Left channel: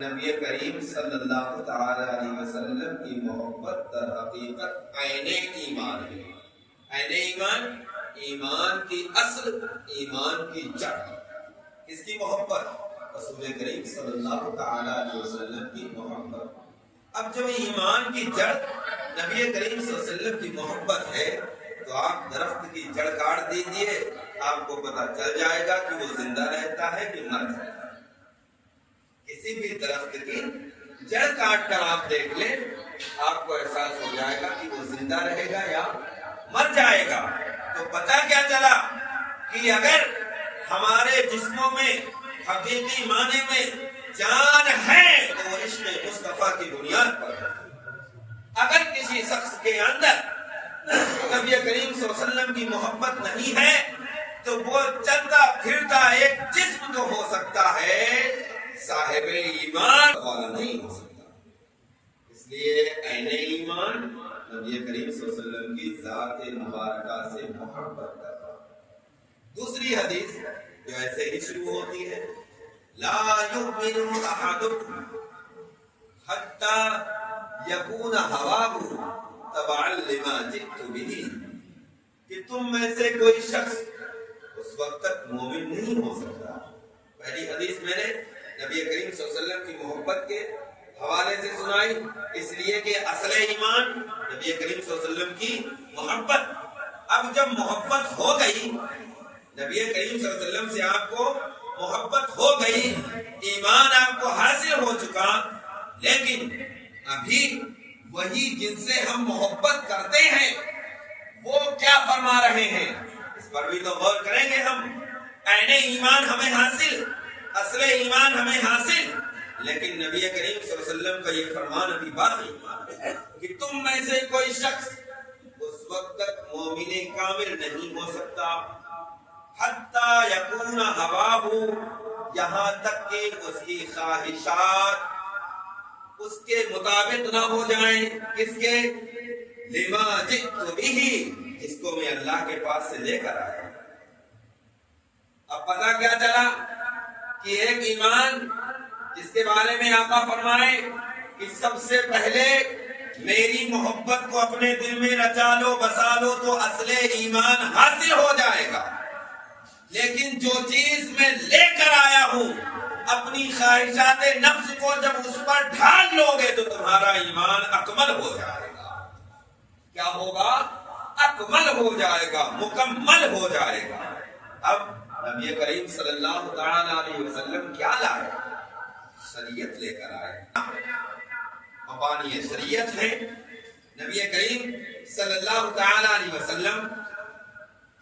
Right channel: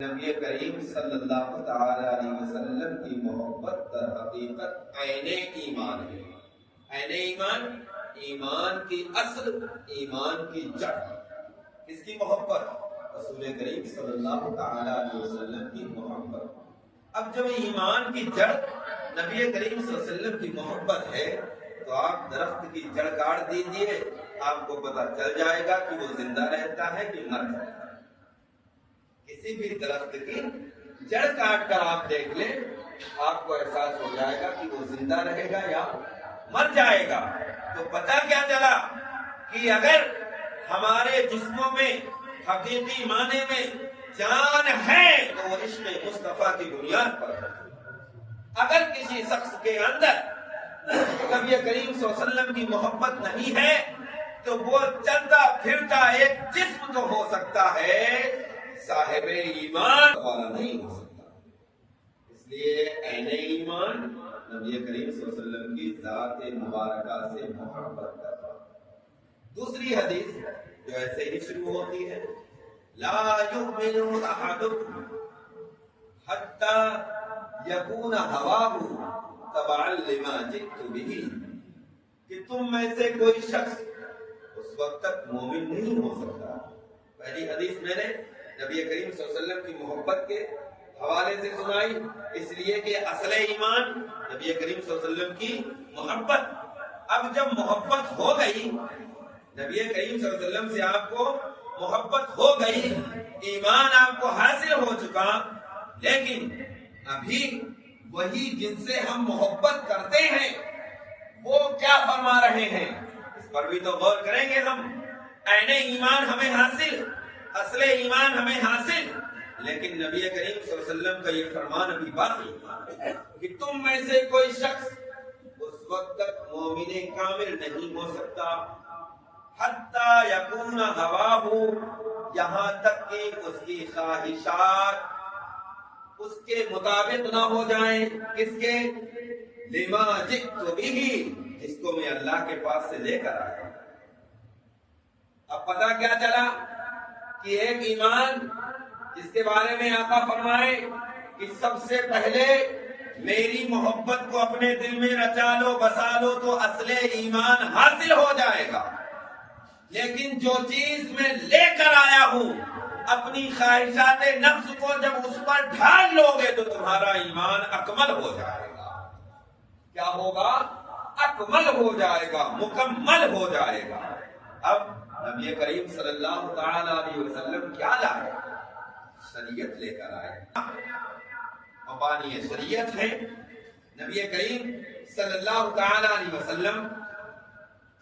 نبی کریم صلی اللہ تعالی علیہ وسلم کی محبت در حقیقت عین ایمان ہے۔ عین ایمان، ایمان کی اصل، ایمان کی جڑ۔ کس کی محبت؟ رسول کریم صلی اللہ تعالی علیہ وسلم کی محبت۔ اب جب ایمان کی جڑ نبی کریم صلی اللہ علیہ وسلم کی محبت ہے تو آپ درخت کی جڑ کاٹ دیجئے، آپ کو پتہ چل جائے گا کہ وہ زندہ رہتا ہے کہ مر جاتا ہے۔ کسی بھی درخت کی جڑ کاٹ کر آپ دیکھ لیں، آپ کو احساس ہو جائے گا کہ وہ زندہ رہے گا یا مر جائے گا۔ تو پتہ کیا چلا کہ اگر ہمارے جسموں میں حقیقی معنی میں جان ہے تو وہ عشق مصطفیٰ کی بنیاد پر ہے۔ اگر کسی شخص کے اندر نبی کریم صلی اللہ علیہ وسلم کی محبت نہیں ہے تو وہ چلتا پھرتا ایک جسم تو ہو سکتا ہے، صاحب ایمان والا نہیں ہو سکتا۔ اس لیے عین ایمان نبی کریم صلی اللہ علیہ وسلم کی ذات مبارکہ سے محبت کرتا۔ دوسری حدیث جو ایسے ہی شروع ہوتی ہے، لا یؤمن احدکم حتی یکون ہواہ تبعا لما جئت بہ، کہ تم میں سے کوئی شخص اس وقت تک مومن نہیں ہو سکتا۔ پہلی حدیث میں نے نبی کریم صلی اللہ علیہ وسلم کی محبت کے حوالے سے سنائی، اس لیے کہ اصل ایمان نبی کریم صلی اللہ علیہ وسلم کی محبت۔ اب جب محبت ہو گئی، نبی کریم صلی اللہ علیہ وسلم سے آپ کو محبت ہو گئی، ایمان آپ کو حاصل ہو چکا، لیکن ابھی وہی جن سے ہم محبت کرتے ہیں وہ کیا فرما رہے ہیں، اس پر بھی تو غور کریں گے ہم۔ عین ایمان ہمیں حاصل، اصل ایمان ہمیں حاصل، لیکن نبی کریم صلی اللہ علیہ وسلم کا یہ فرمان ابھی باقی ہے کہ تم میں سے کوئی شخص اس وقت تک مومن کامل نہیں ہو سکتا حتی یکون ہواہ، یہاں تک کہ اس کی خواہشات اس کے مطابق نہ ہو جائیں۔ کس کے؟ لما جئت بہ، جس کو میں اللہ کے پاس سے لے کر آیا۔ اب پتہ کیا چلا کہ ایک ایمان جس کے بارے میں آقا فرمائے کہ سب سے پہلے میری محبت کو اپنے دل میں رچا لو، بسا لو تو اصل ایمان حاصل ہو جائے گا۔ لیکن جو چیز میں لے کر آیا ہوں، اپنی خواہشات نفس کو جب اس پر ڈھال لو گے تو تمہارا ایمان اکمل ہو جائے گا۔ کیا ہوگا؟ اکمل ہو جائے گا، مکمل ہو جائے گا۔ اب نبی کریم صلی اللہ تعالی علیہ وسلم کیا لائے؟ شریعت لے کر آئے، مبانی شریعت ہے۔ نبی کریم صلی اللہ تعالی علیہ وسلم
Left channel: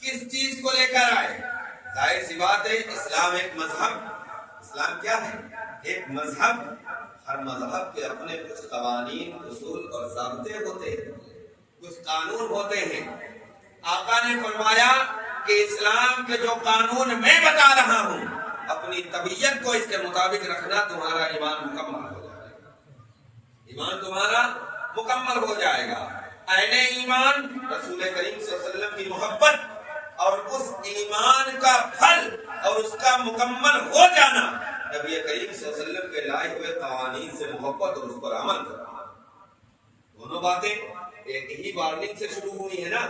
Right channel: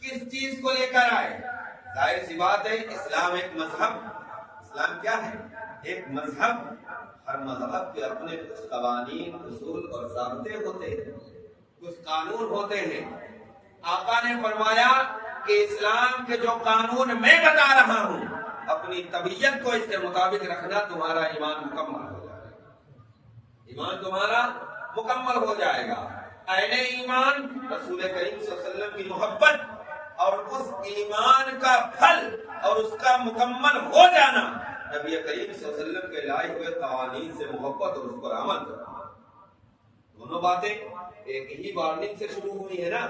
کس چیز کو لے کر آئے؟ ظاہر سی بات ہے، اسلام ایک مذہب، اسلام کیا ہے؟ ایک مذہب۔ ہر مذہب کے اپنے کچھ قوانین، اصول اور ضابطے ہوتے ہیں، کچھ قانون ہوتے ہیں۔ آقا نے فرمایا کہ اسلام کے جو قانون میں بتا رہا ہوں، اپنی طبیعت کو اس کے مطابق رکھنا، تمہارا ایمان مکمل ہو جائے گا۔ ایمان تمہارا مکمل ہو جائے گا۔ عین ایمان رسول کریم صلی اللہ علیہ وسلم کی محبت، اور اس ایمان کا پھل اور اس کا مکمل ہو جانا نبی کریم صلی اللہ علیہ وسلم کے لائے ہوئے قوانین سے محبت اور اس پر عمل کرنا۔ دونوں باتیں ایک ہی وارننگ سے شروع ہوئی ہے نا،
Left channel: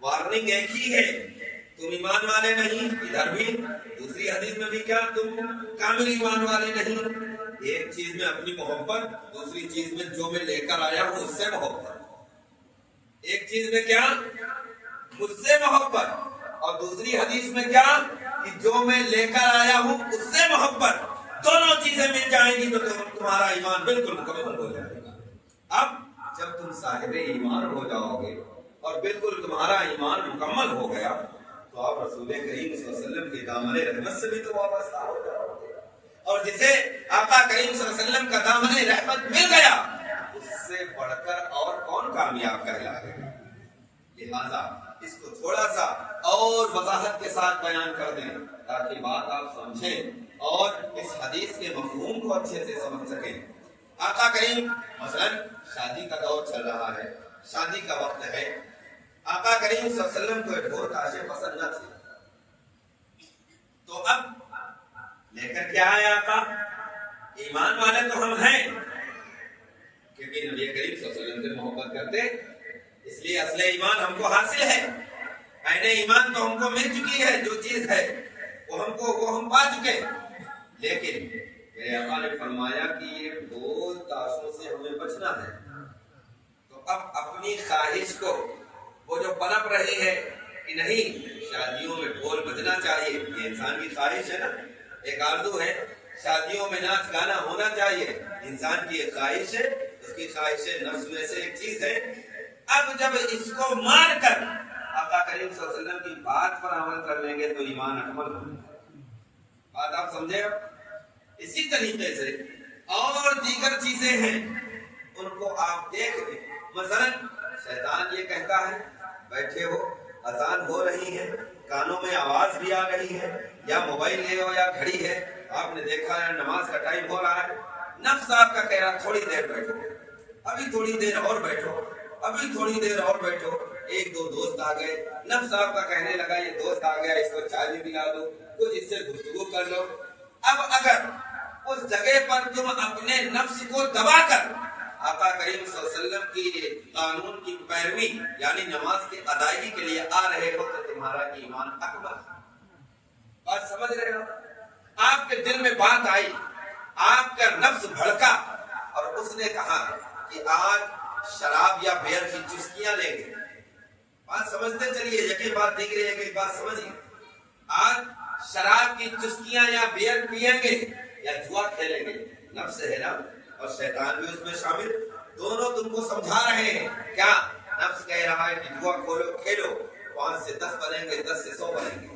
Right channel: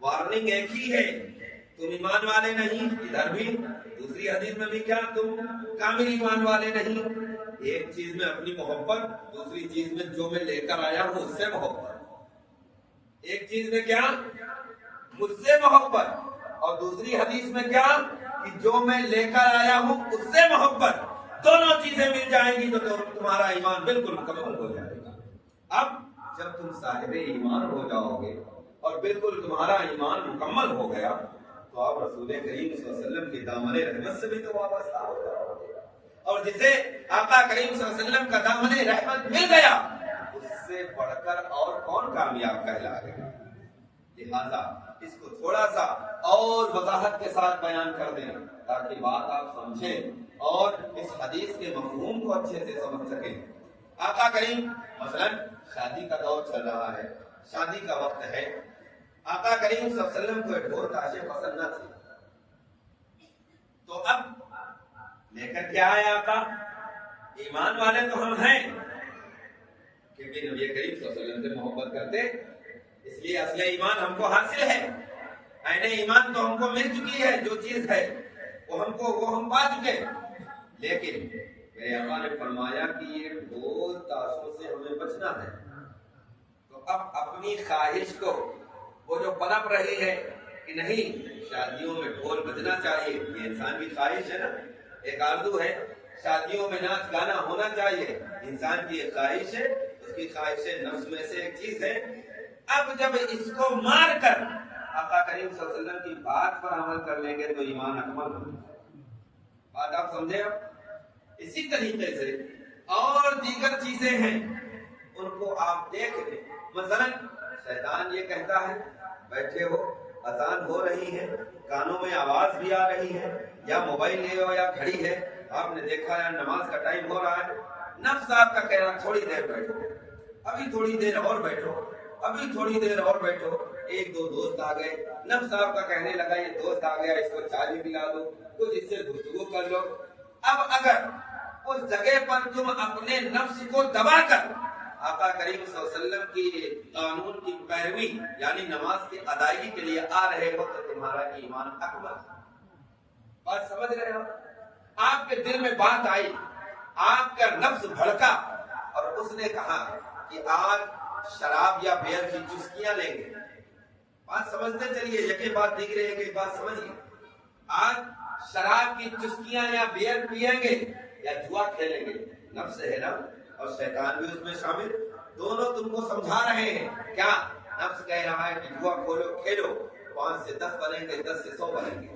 وارننگ ایک ہی ہے، تم ایمان والے نہیں، ادھر بھی دوسری حدیث میں بھی کیا، تم کامل ایمان والے نہیں۔ ایک چیز میں اپنی محبت، دوسری چیز میں جو میں لے کر آیا ہوں اس سے محبت۔ ایک چیز میں کیا؟ مجھ سے محبت، اور دوسری حدیث میں کیا کہ جو میں لے کر آیا ہوں اس سے محبت۔ دونوں چیزیں مل جائیں گی تو تمہارا ایمان بالکل مکمل ہو جائے گا۔ اب جب تم صاحب ایمان ہو جاؤ گے اور بالکل تمہارا ایمان مکمل ہو گیا تو آپ رسول کریم صلی اللہ علیہ وسلم کے دامن رحمت سے بھی تو وابستہ ہو جاؤ گے، اور جسے آقا کریم صلی اللہ علیہ وسلم کا دامن رحمت مل گیا اس سے بڑھ کر اور کون کامیاب کہلائے گا۔ لہذا اس کو تھوڑا سا اور وضاحت کے ساتھ بیان کر دیں تاکہ بات آپ سمجھیں اور اس حدیث کے مفہوم کو اچھے سے سمجھ سکیں۔ آقا کریم مثلا شادی کا دور چل رہا ہے، شادی کا وقت ہے، آقا کریم صلی اللہ علیہ وسلم کو ڈھول تاشے پسند نہ تھے، تو اب لے کر کیا آیا آقا؟ ایمان والے تو ہم ہیں کیونکہ نبی کریم صلی اللہ علیہ وسلم سے محبت کرتے، اس لیے اصل ایمان ہم کو حاصل ہے، عین ایمان تو ہم کو مل چکی ہے، جو چیز ہے وہ ہم پا چکے، لیکن میرے آقا نے فرمایا کہ یہ بھول تاشوں سے ہمیں بچنا ہے۔ تو اب اپنی خواہش کو وہ جو پنپ رہی ہے کہ نہیں شادیوں میں ڈھول بجنا چاہیے، یہ انسان کی خواہش ہے نا، ایک آرزو ہے، شادیوں میں ناچ گانا ہونا چاہیے، انسان کی ایک خواہش ہے، اس کی خواہش نفس میں سے ایک چیز ہے۔ اب جب اس کو مار کر آقا کریم صلی اللہ علیہ وسلم کی بات پر عمل کر لیں گے تو ایمان اکمل ہوگا۔ بات آپ سمجھے؟ اسی طریقے سے اور دیگر چیزیں ہیں، ان کو آپ دیکھ لیں۔ مثلا شیطان یہ کہتا ہے بیٹھے ہو، اذان ہو رہی ہے، کانوں میں آواز بھی آ رہی ہے، یا موبائل لے ہو یا گھڑی ہے، آپ نے دیکھا یا نماز کا ٹائم ہو رہا ہے، نفس آپ کا کہہ رہا تھوڑی دیر بیٹھو، ابھی تھوڑی دیر اور بیٹھو، ابھی تھوڑی دیر اور بیٹھو۔ ایک دو دوست آ گئے، نفس آپ کا کہنے لگا یہ دوست آ گیا، اس کو چائے بھی پلا دو، کچھ اس سے گفتگو کر لو۔ اب اگر اس جگہ پر تم اپنے نفس کو دبا کر آقا کریم صلی اللہ علیہ وسلم کی قانون کی پیروی یعنی نماز کی ادائیگی کے لیے آ رہے ہو تو تمہارا ایمان اکمل۔ بات سمجھ رہے ہو؟ آپ کے دل میں بات آئی، آپ کا نفس بھڑکا اور اس نے کہا کہ آج شراب یا بیئر کی چسکیاں لیں گے۔ بات سمجھتے چلیے، یکی بات دیکھ رہے ہیں کہ بات سمجھیے، آج شراب کی چسکیاں یا بیئر پیئیں گے یا جوا کھیلیں گے۔ نفس ہے نا، اور شیطان بھی اس میں شامل، دونوں تم کو سمجھا رہے ہیں۔ کیا نفس کہہ رہا ہے کہ جوا کھیلو، 5 سے 10 بنیں گے، 10 سے 100 بنیں گے،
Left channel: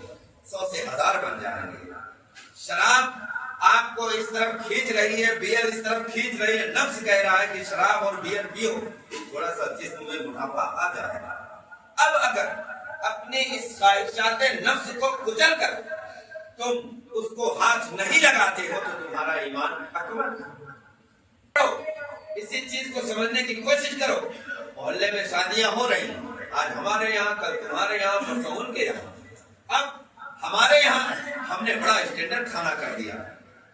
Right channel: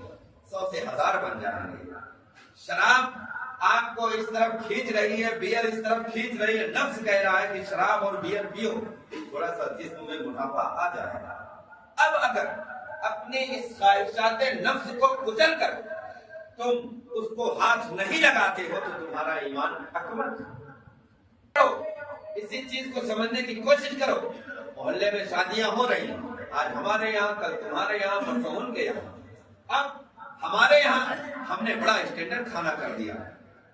100 سے 1000 بن جائیں گے۔ شراب آپ کو اس طرف کھینچ رہی ہے، بیئر اس طرف کھینچ رہی ہے، نفس کہہ رہا ہے کہ شراب اور بیئر پیو، تھوڑا سا جسم میں موٹاپا آ جائے گا۔ اب اگر اپنے اس خواہشات نفس کو کچل کر تم اس کو ہاتھ نہیں لگاتے ہو تو تمہارا ایمان اکمل۔ اسی چیز کو سمجھنے کی کوشش کرو۔ محلے میں شادیاں ہو رہی ہیں، آج ہمارے یہاں، کل تمہارے یہاں، پرسوں ان کے یہاں۔ اب ہمارے یہاں ہم نے بڑا اسٹینڈرڈ کھانا کر دیا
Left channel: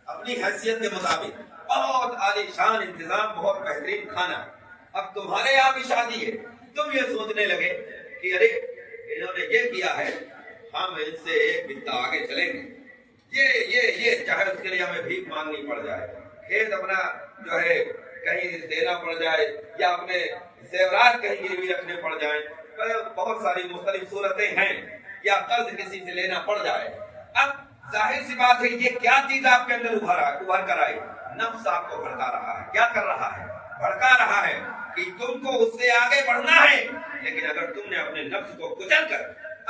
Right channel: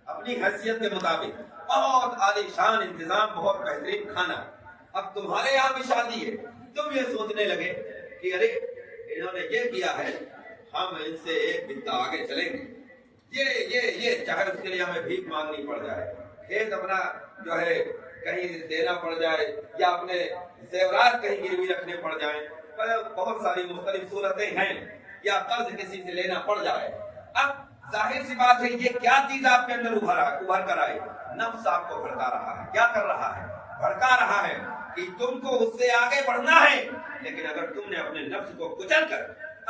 اپنی حیثیت کے مطابق، بہت عالی شان انتظام، بہت بہترین کھانا۔ اب تمہارے یہاں بھی شادی ہے، تم یہ سوچنے لگے کہ ارے انہوں نے یہ کیا ہے، ہم ان سے ایک بتا آگے چلیں گے، یہ چاہے اس کے لیے ہمیں بھیک مانگنی پڑ جائے، کھیت اپنا جو ہے کہیں دینا پڑ جائے، یا اپنے زیورات کہیں گروی رکھنے پڑ جائیں، بہت ساری مختلف صورتیں ہیں، یا قرض کسی سے لینا پڑ جائے۔ اب ظاہر سی بات ہے یہ کیا چیز آپ کے اندر ابھر کر آئی؟ نفس آپ کو بھڑکا رہا ہے۔ کیا کر رہا ہے؟ بھڑکا رہا ہے کہ تم کو اس سے آگے بڑھنا ہے، لیکن اگر تم نے اپنے نفس کو کچل کر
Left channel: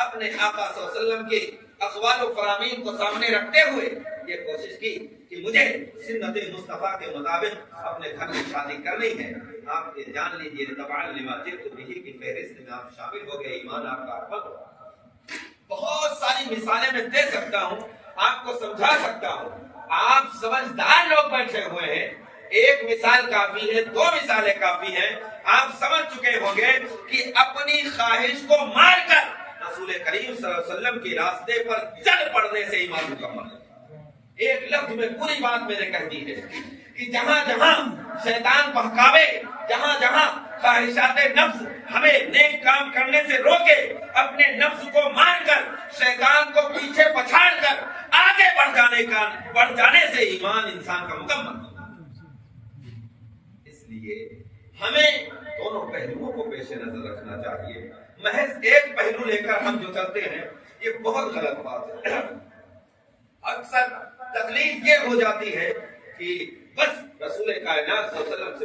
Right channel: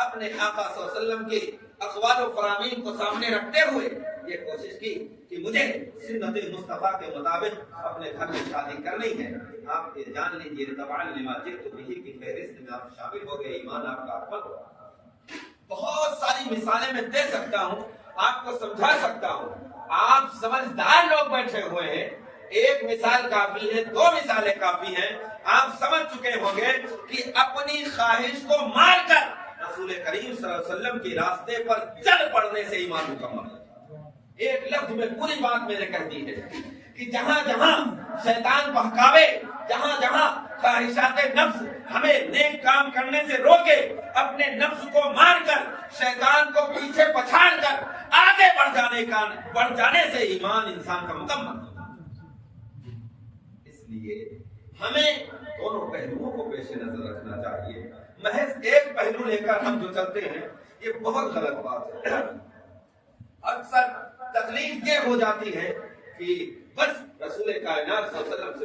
اپنے آقا صلی اللہ علیہ وسلم کے اقوال و فرامین کو سامنے رکھتے ہوئے یہ کوشش کی کہ مجھے سنت مصطفیٰ کے مطابق اپنے گھر میں شادی کرنی ہے، آپ یہ جان لیجیے تبعا لما جئت بہ کی فہرست میں آپ شامل ہو گئے، ایمان آپ کا اکمل ہوگا۔ بہت ساری مثالیں میں دے سکتا ہوں، آپ کو سمجھا سکتا ہوں، آپ سمجھدار لوگ بیٹھے ہوئے ہیں، ایک مثال کافی ہے، 2 مثالیں کافی ہیں، آپ سمجھ چکے ہوں گے کہ اپنی خواہش کو مار کر رسول کریم صلی اللہ علیہ وسلم کے راستے پر چل پڑنے سے ایمان مکمل ہے۔ ایک لفظ میں پوری بات میں نے کہہ دی ہے کہ جہاں جہاں شیطان بہکاوے، جہاں جہاں خواہشات نفس ہمیں نیک کام کرنے سے روکے، اپنے نفس کو مار کر شیطان کو پیچھے پچھاڑ کر آگے بڑھ جانے سے ایمان انسان کا مکمل۔ اس لیے ہمیں دونوں پہلوؤں کو پیش نظر رکھنا چاہیے۔ محض ایک پہلو لے کر ہم جو چلتے ہیں یہ بہت غلط بات ہے۔ اکثر تکلیف یہ ہو جاتی ہے کہ بس رسول کائنات صلی اللہ علیہ وسلم سے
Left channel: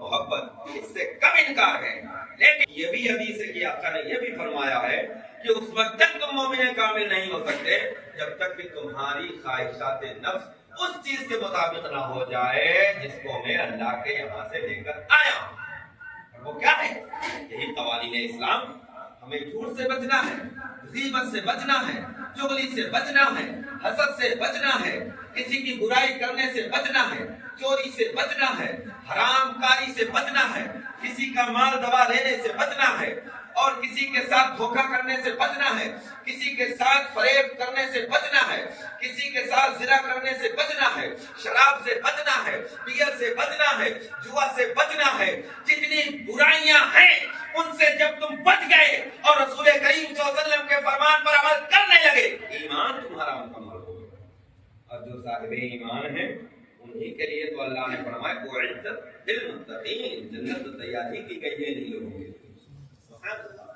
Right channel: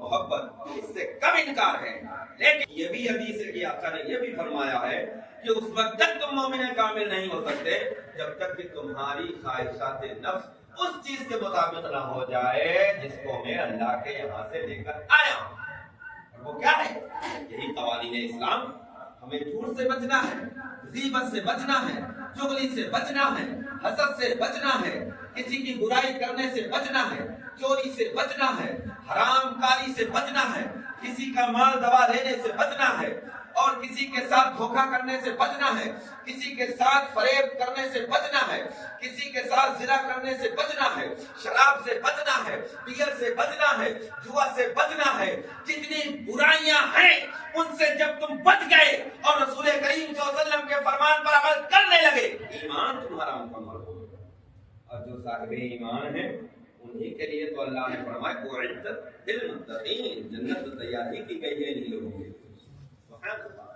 محبت اس سے کم انکار ہے، لیکن یہ بھی حدیث ہے کہ آقا نے یہ بھی فرمایا ہے کہ اس وقت تک تم مومن کامل نہیں ہو سکتے جب تک کہ تمہاری خواہشات نفس اس چیز کے مطابق نہ ہو جائے جس کو میں اللہ کے یہاں سے لے کر آیا ہوں۔ اور وہ کیا ہے؟ یہی قوانین اسلام۔ ہمیں جھوٹ سے بچنا ہے، غیبت سے بچنا ہے، چغلی سے بچنا ہے، حسد سے بچنا ہے، کسی کی برائی کرنے سے بچنا ہے، چوری سے بچنا ہے، حرام کاری سے بچنا ہے، کسی کا مال دوا لینے سے بچنا ہے، اور کسی کے ساتھ دھوکہ کرنے سے بچنا ہے، کسی کے ساتھ فریب کرنے سے بچنا ہے، کسی کے ساتھ زنا کرنے سے بچنا ہے، شراب سے بچنا ہے، بیئر سے بچنا ہے، جوا سے بچنا ہے۔ جتنی برائیاں ہیں ان سے جب تم بچ گئے اور رسول کریم صلی اللہ علیہ وسلم کے فرمان پر عمل کرنے لگے، ایمان تمہارا مکمل ہو گیا۔ اور جو صاحب ایمان ہیں انہی کے لیے تو اللہ نے فرمایا اعدت للمتقین، جنت تیاری کی گئی ہے ان لوگوں کے لیے۔ سبحان اللہ۔